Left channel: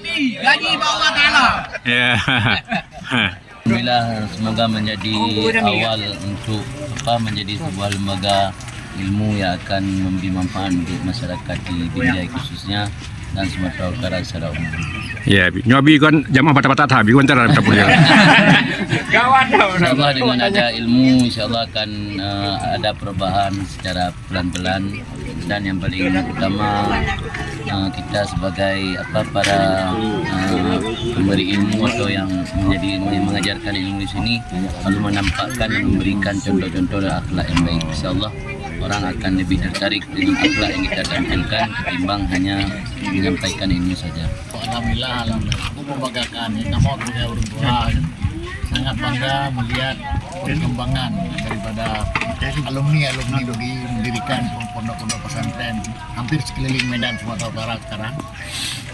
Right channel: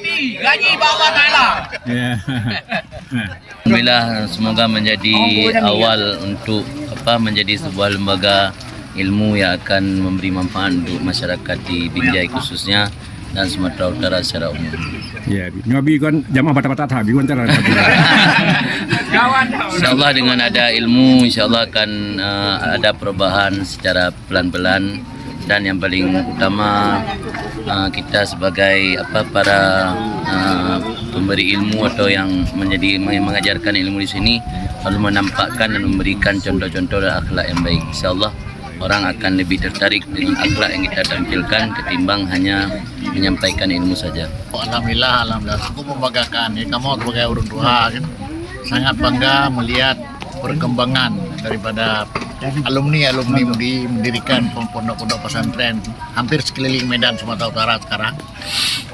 Nabi, gaji bawah Taala. Ya. Alhamdulillah, semoga menjadi awal untuk menjadi sebuah lembaga ilmu yang akan memberi manfaat untuk masyarakat di Binjai khususnya dan Sumatera Utara secara umum. Ya, nyobi kon jamaah bata-bata tabi kon tara kapula. InsyaAllah dengan ada ilmu, insyaAllah akan ada perubahan secara pelan-pelan, dan yang paling utama kita sebagai para pemberi ilmu atau yang mengajarkan ilmu di sini harus menampakkan dan memberikan contoh-contoh dan akhlak yang baik. InsyaAllah orang akan lebih tertarik dengan akhlak yang kita tampilkan ketimbang hanya menyampaikan ilmu saja. Alhamdulillah, cukup membanggakan. Kamu sebagai orang tua kan sangat bangga melihat perkembangan daripada alumni mendirikan pondok-pondok pesantren hampir sekeliling Medan Sumatera Utara sekarang.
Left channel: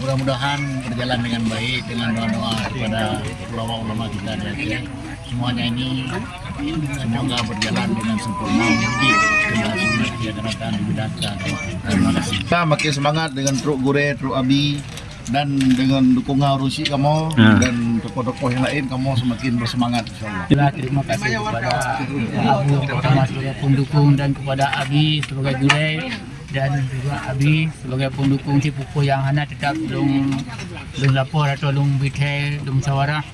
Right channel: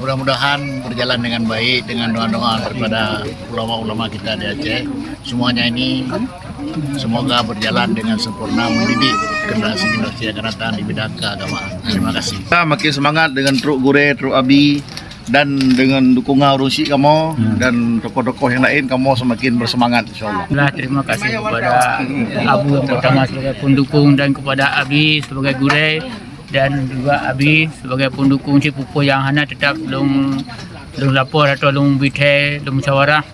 Mudah-mudahan berjalan dengan baik dengan doa-doa daripada ulama-ulama kita di Aceh. Semuanya ini semoga berjalan dengan sempurna mendidik generasi yang akan datang di bidang keagamaan. Terima kasih. Kita makin semangat dengan Truk Gure, Truk Abi, dan dengan dukungan Rusi kamu dan tokoh-tokoh yang lain, kamu semakin bersemangat insyaAllah. Terima kasih kepada Abu yang pertama sebagai pendukung dan kepada Abi sebagai gure dan juga Abi sebagai pendukung si pupuh yang hana tetap belum lapor atau belum bitai belum musyawarah.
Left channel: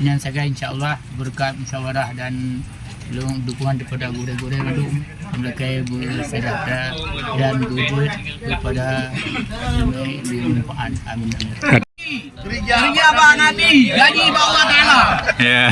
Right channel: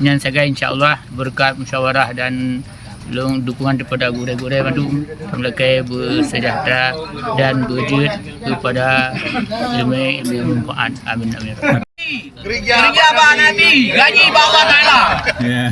Yang saya insyaAllah berkat musyawarah dan dukungan daripada gure-gure Bandung mereka bersejahtera dan berwujud kepada ilmu manfaat. Amin amin. Kerja Pak Nabi, gaji bawah Taala. Ya.